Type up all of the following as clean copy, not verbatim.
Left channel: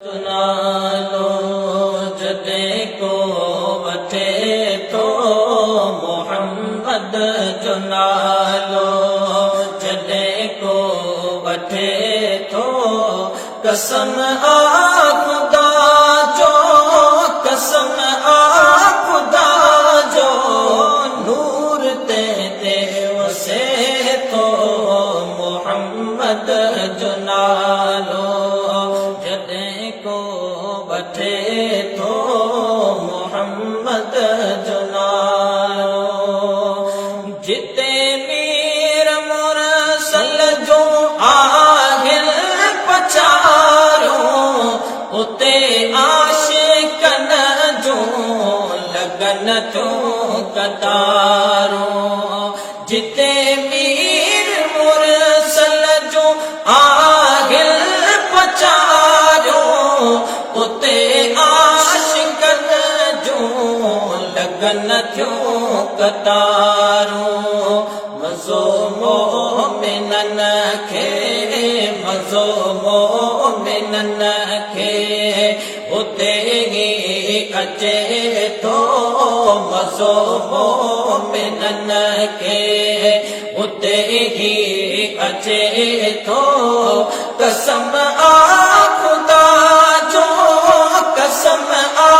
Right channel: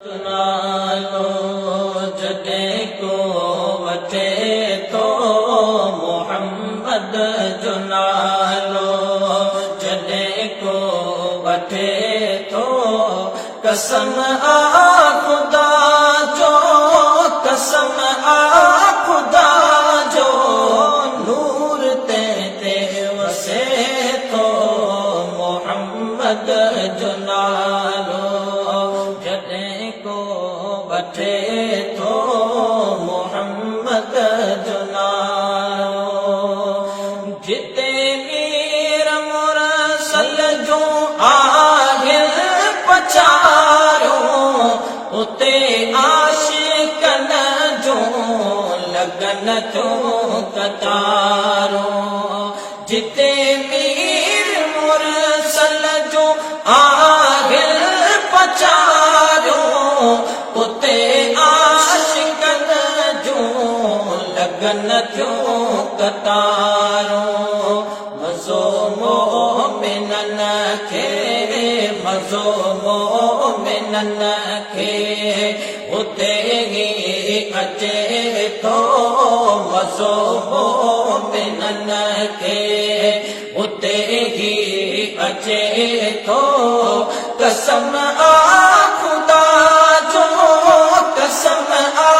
सुनालो जॾहिं को वठे तो मोहम्मद जो नालो जॾहिं को वठे तो कसम आ खुदा जो कसम आ खुदा जो नूर ते वसे तो मोहम्मद जो नालो जॾहिं को वठे तो मोहम्मद जो नालो जिते मीर मुरसल जो आगिल पचारो उते आशिकन जो लगन जो कतारो जिते मीर मुरसल जो आगिल पचारो उते आशिकन जो लगन जो कतारो मज़ो मोमिनन खे मज़ो मोमिनन खे उते ही अचे तो मज़ो मोमिनन खे उते ही अचे तो कसम आ खुदा जो कसम आ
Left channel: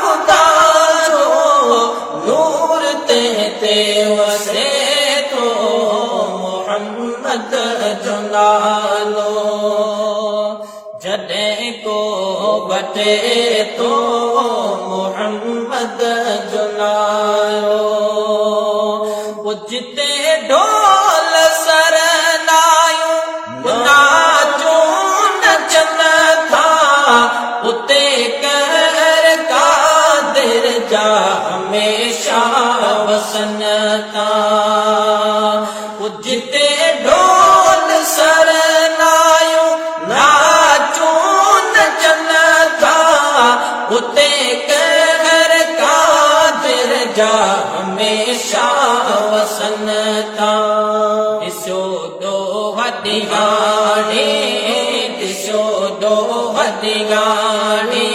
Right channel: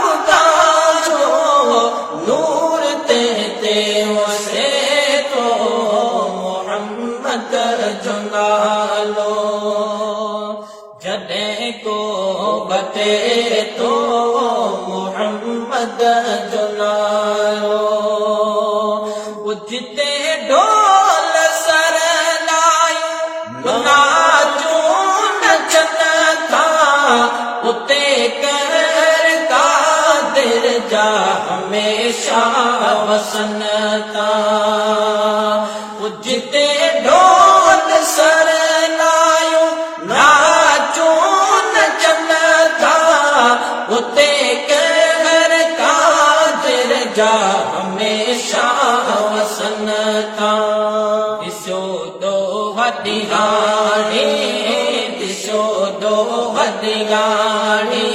खुदा जो नूर ते वसे तो मोहम्मद जो नालो जॾहिं को वठे तो मोहम्मद जो नालो जिते ढोल सर लायूं नाचूं नचन था उते कहर कादिर जा हमेशा वसन था जिते ढोल सर लायूं नाचूं नचन था उते कहर कादिर जा हमेशा वसन था दिसो दो वॾी गाड़ी दिसो दो वॾी गाड़ी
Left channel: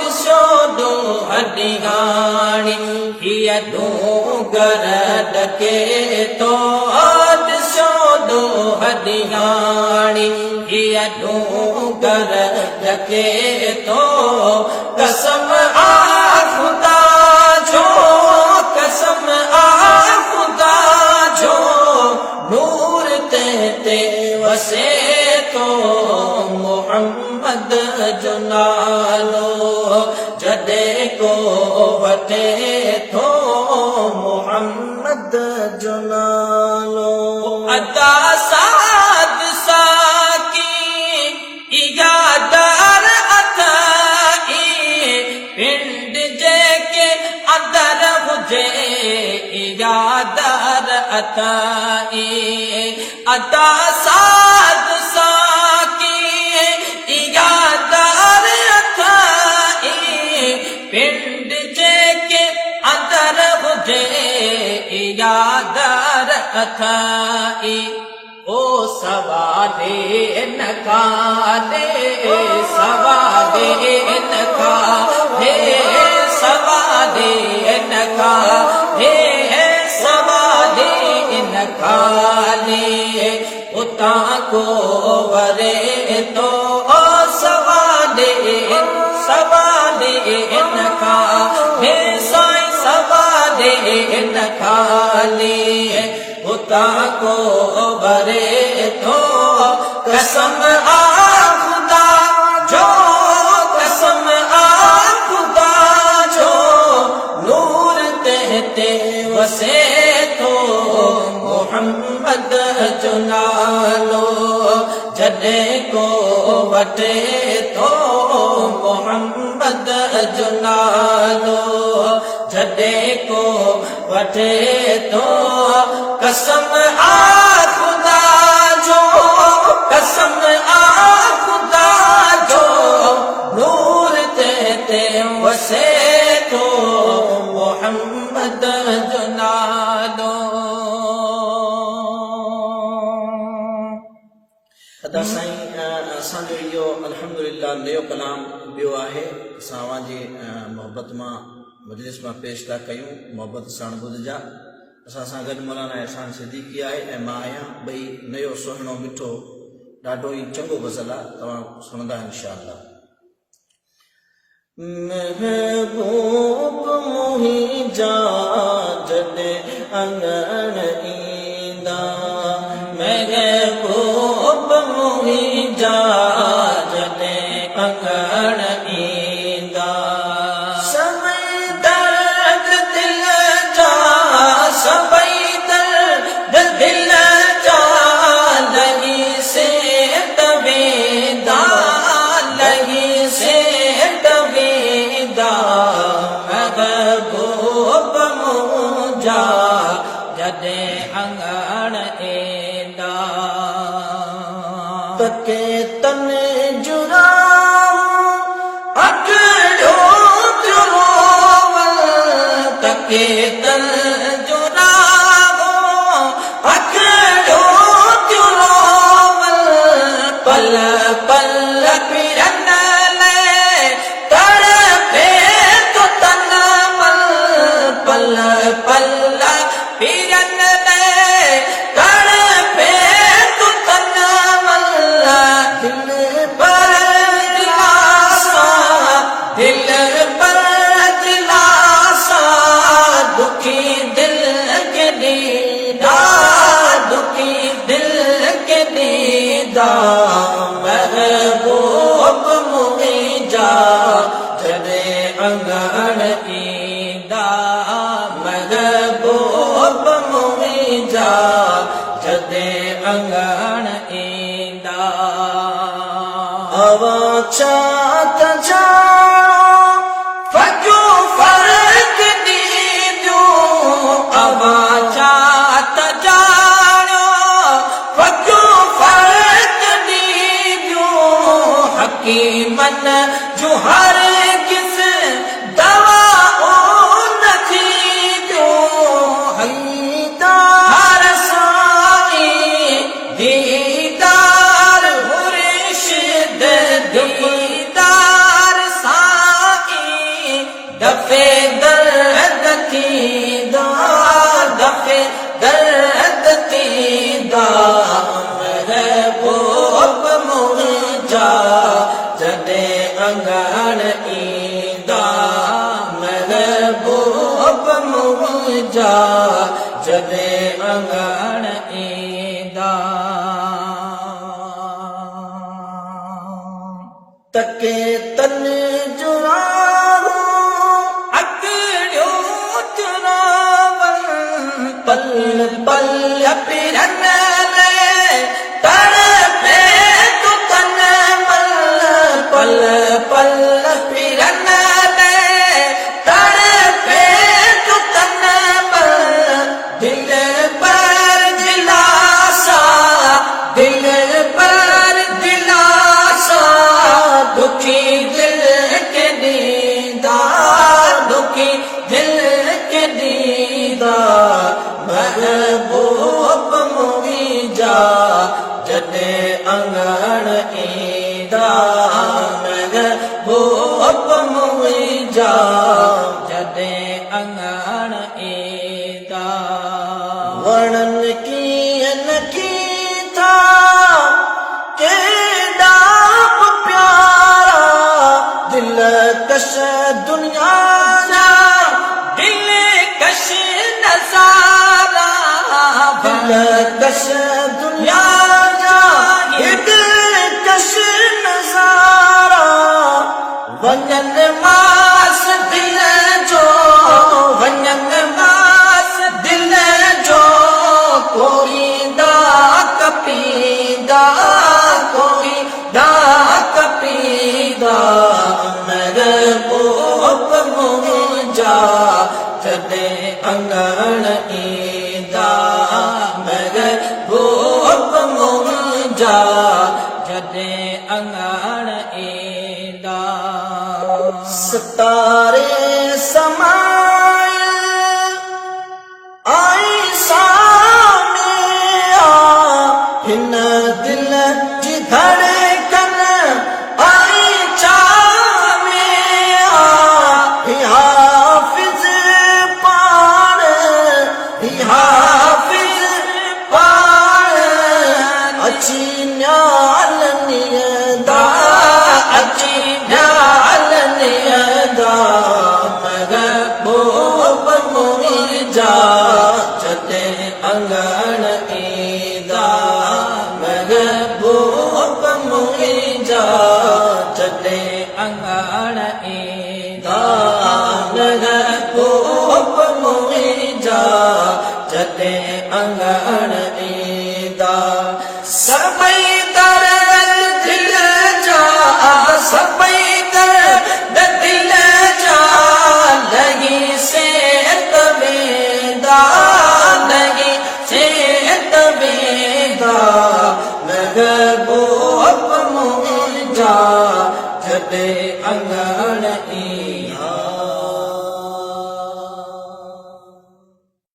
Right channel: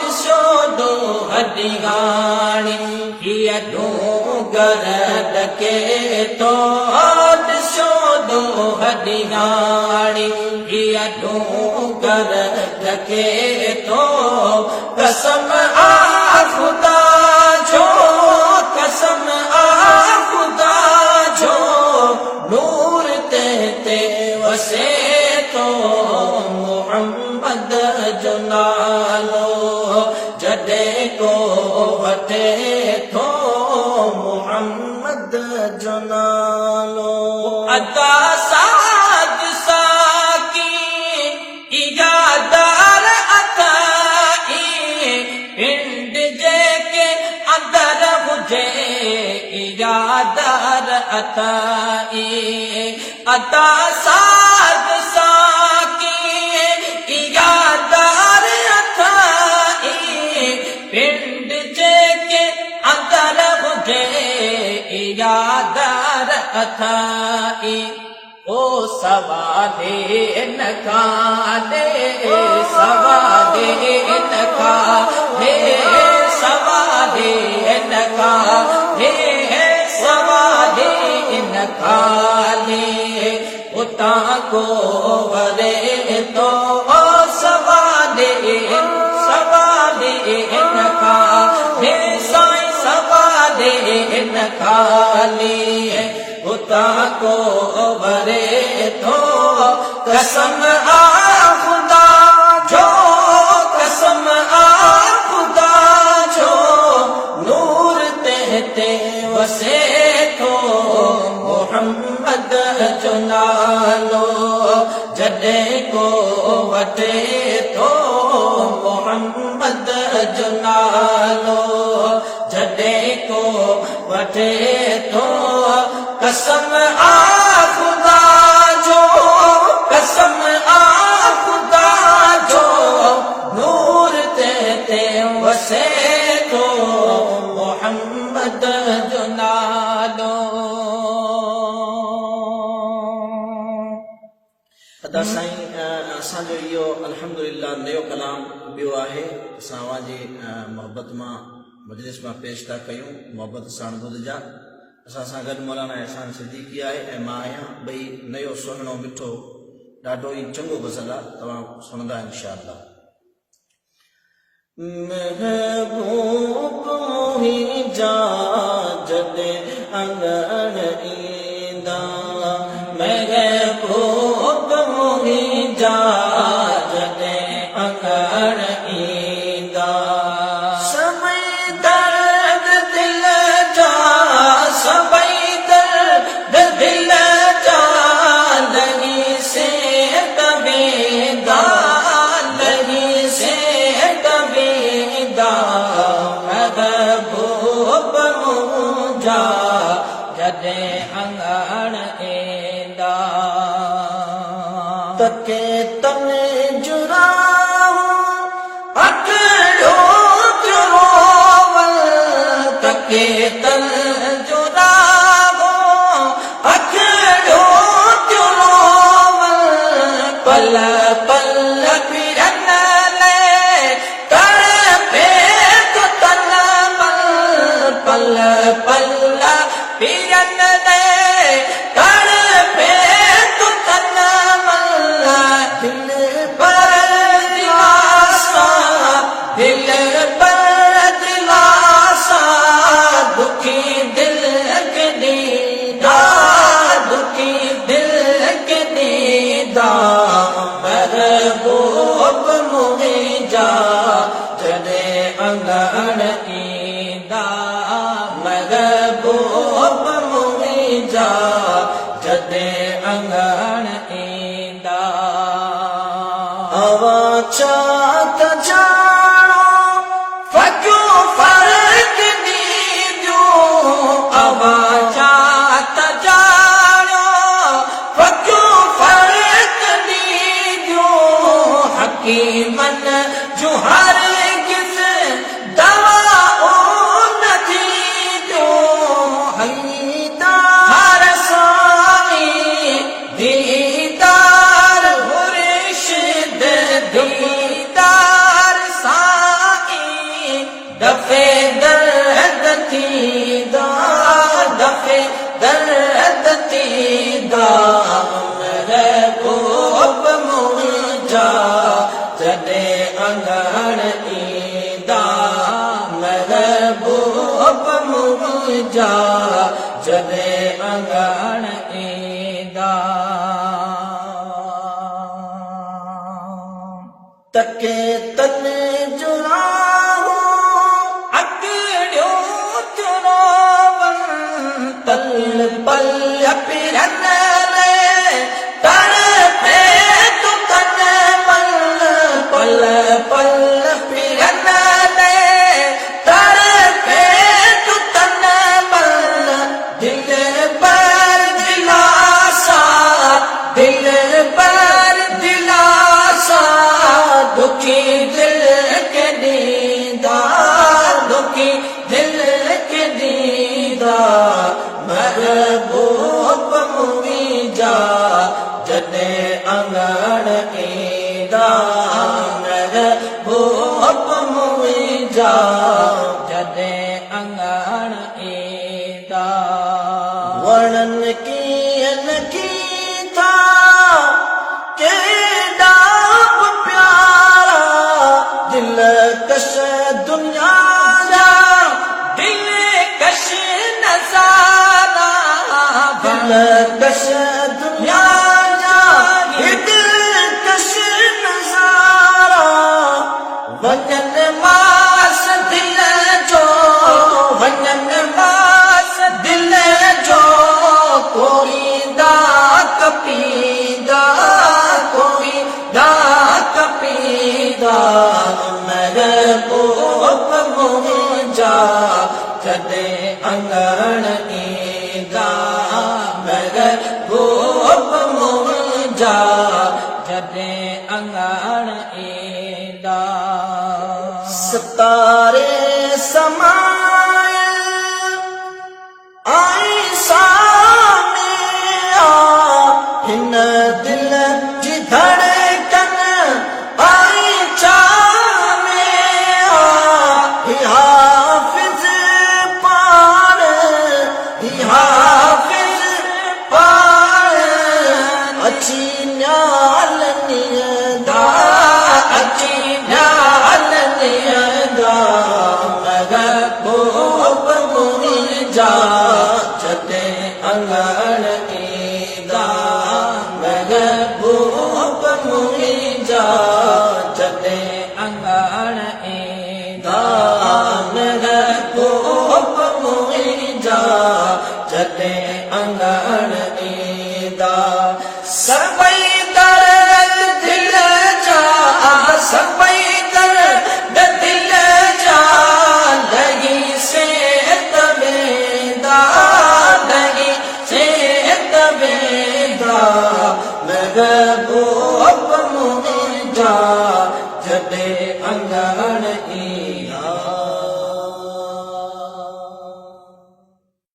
दिसो दो वॾी गाड़ी हीअ डूंगर ढके तो दिसो दो वॾी गाड़ी हीअ डूंगर ढके तो कसम आ खुदा जो कसम आ खुदा जो नूर ते वसे तो मोहम्मद जो नालो जॾहिं को वठे तो मोहम्मद जो नालो अदा साद साकी इजादार अताई पिंड जेके अंदर हुजे इजादार अताई अदा साद साकी इजादार अताई पिंड जेके अंदर हुजे इजादार अताई ओ सवादे न खादे सवादे न खादे सवादे न खादे सवादे न खादे उता को वरे तो सवादे न खादे साईं सवादे न खादे उता को वरे तो कसम आ खुदा जो कसम आ खुदा जो नूर ते वसे तो मोहम्मद जो नालो जॾहिं को वठे तो मोहम्मद जो नालो जॾहिं को वठे तो कसम आ खुदा जो कसम आ खुदा जो नूर ते वसे तो मोहम्मद जो नालो अदा साईं असांजो इहो अल्हम्दुलिल्लाह नयो कलाम ॿियो आहे असां अवांजी मोहबत मां मजलिस मां पेश था कयूं मोहबत सां ॿुधजा असां सां गॾु मौलाना एहसान सिद्दीकी आहे ऐं मां आहियां ॿई नयो सुहिणो मिठो ॾाढो ई चङो गज़ल आहे तव्हां सुणंदा इंशाअल्लाह महबूब मुंहिंजा जॾहिं अंगण ईंदा महबूब मुंहिंजा जॾहिं अंगण ईंदा सभई दर्द दिल जा सभई दर्द दिल जा लॻी से तवेंदा लॻी से तवेंदा महबूब मुंहिंजा जॾहिं अंगण ईंदा तके तन जुरा अकड़ो रोवल तके तन जुरा अकड़ो रोवल पल पल फिरन ले तड़पे तो तन मल पल पल फिरन ले तड़पे तो तन मल दिल पर दिलासा दिल पर दिलासा दुखी दिल के दीदा दुखी दिल के दीदा महबूब मुंहिंजा जॾहिं अंगण ईंदा महबूब मुंहिंजा जॾहिं अंगण ईंदा हवा चात जा फजो फर्क ॾींदो हवा चात जाणो फजो फर्क ॾींदो हकीमन जो हर किस दवा ओ नथी ॾियो हलीदार साईं दीदार मुर्शिद दीदार साईं दफ़े दर्द थींदा दफ़े दर्द थींदा महबूब मुंहिंजा जॾहिं अंगण ईंदा महबूब मुंहिंजा जॾहिं अंगण ईंदा तके तन जुरा अकड़ियो चुरावल पल पल फिरन ले तड़पे तो तन मल पल पल फिरन ले तड़पे तो तन मल दिल पर दिलासा दिल पर दिलासा दुखी दिल के दीदा दुखी दिल के दीदा महबूब मुंहिंजा जॾहिं अंगण ईंदा महबूब मुंहिंजा जॾहिं अंगण ईंदा वणनि कीअं लॻी था केॾा प्यारा दिल कश दुनिया जा दिल कश नज़ारा दिल कश दुनिया जा दिल कश नज़ारा वञन मास दिल जो वञन मास दिल जो कोई डाक पींदा कोई डाक पींदा महबूब मुंहिंजा जॾहिं अंगण ईंदा महबूब मुंहिंजा जॾहिं अंगण ईंदा सितारे समाए आई सामे हिन दिल जी धड़कन अंगण ईंदा मुंहिंजा जॾहिं अंगण ईंदा सभई दर्द दिल जा सभई दर्द दिल जा लही सेत वेंदा लही सेत वेंदा महबूब मुंहिंजा जॾहिं अंगण ईंदा